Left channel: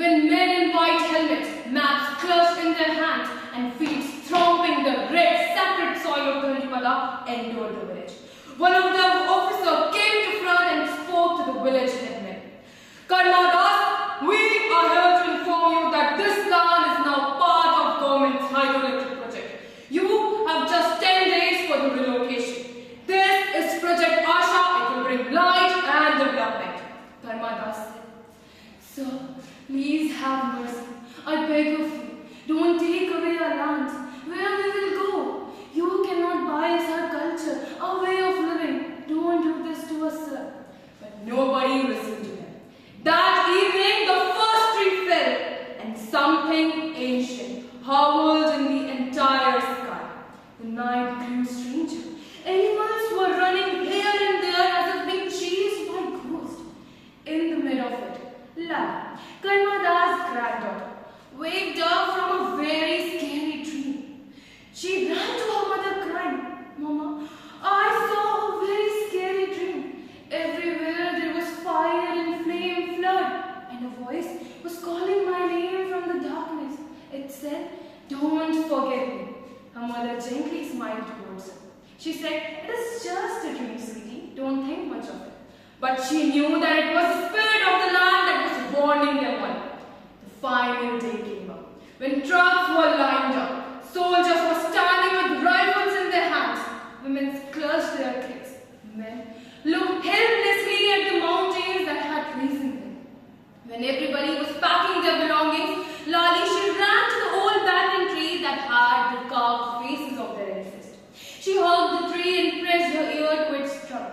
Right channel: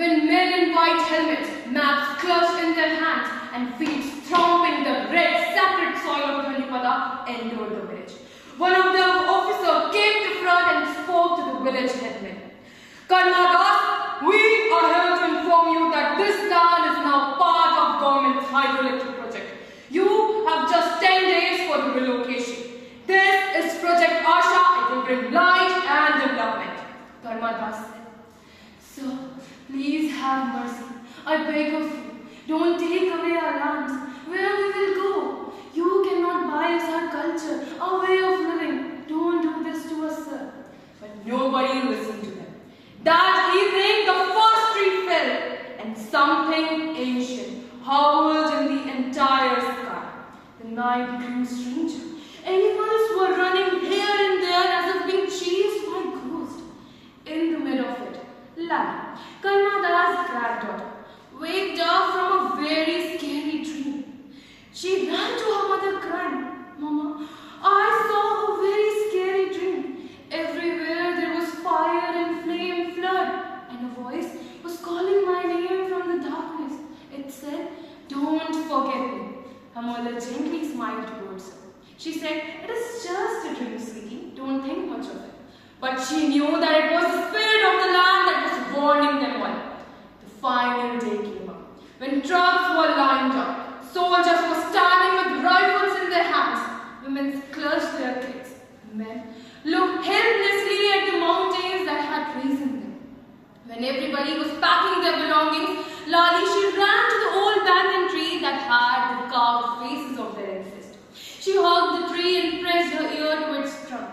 when men in white helmets, maps clutched in their hands, and feet stomping the red, sacred soil of Dhanipada, entered the village. One of the officers came to front and spoke to the village headmen. Karnadas, we are here to inform you that this land is now part of government's hydroelectric project. You have just 10 days for the relocation. This is Project Asha. It will bring light and development. Karnadas said, Sir, please have mercy. I beg of you, don't take away our lands. Where we will go? You cannot buy us our culture, our way of living. Don't do this to us, sir. But nobody listened to them. That evening, the first tree fell, and something ancient howled in the entire sky. The night grew stranger. Animals were running here and there as if being chased by ghosts. In the middle of it, Lal, Karmada's granddaughter, waked up from a very scary dream. She ran to her mother crying, Mama, I saw a very scary dream. Everywhere there was fire and flame flood, and a voice was calling my name from the darkness. It said, Don't forget me. Her mother gently smiled towards her. She said, It is just a dream, sweetie. Don't think much of it. But she knew that it was the spirit of the land that was warning them all. The final day came up. When trucks were lined up, soldiers were standing with rifles in their hands. Women clutched their kids. Men looked helplessly at the mountains that had risen them. When everybody was packing their belongings, Lali, she ran to the old banyan tree that had the carved faces of their ancestors. She hugged the tree and pressed her ear to its trunk.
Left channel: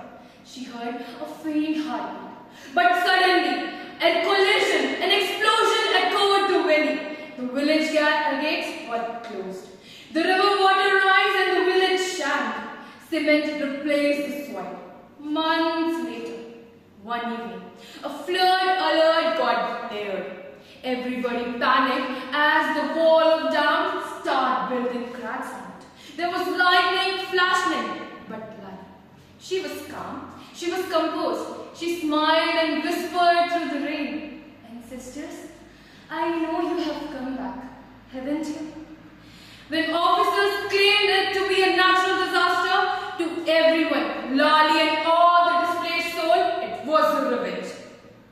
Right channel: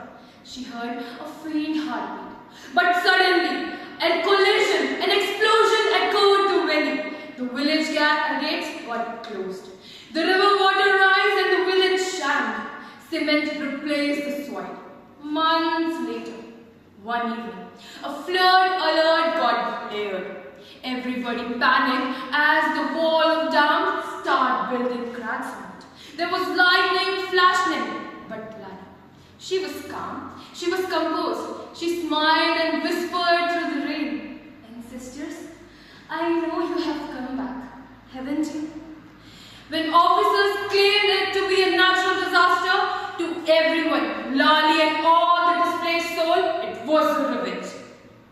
She heard a faint heartbeat. But suddenly, a collision, an explosion echoed the valley. The village gates were closed. The river water rose and the village sank. Cement replaced the soil. Months later, one evening, a flood alert got aired. Everybody panicked as the wall of dam started building cracks on it. There was lightning flashing, but Lala, she was calm, she was composed. She smiled and whispered through the rain, Ancestors, I know you have come back, haven't you? When officers claimed it to be a natural disaster, to everyone, Lali and all the displaced soul, it was a revenge.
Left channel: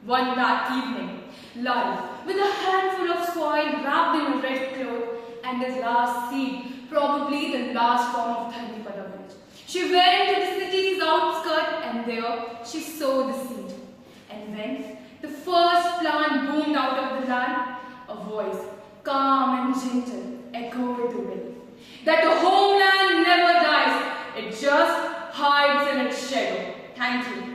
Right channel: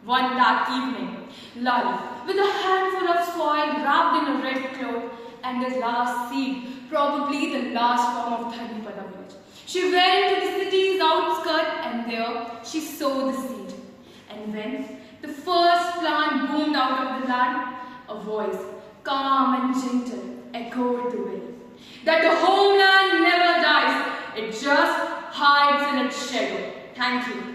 One dark evening, Lali, with a handful of soil wrapped in a red cloth and the last seed, probably the last form of Dhanipada village, she went to the city's outskirts and there she sowed the seed. And when the first plant boomed out of the land, a voice, calm and gentle, echoed the valley. That the homeland never dies, it just hides in its shadow. Thank you.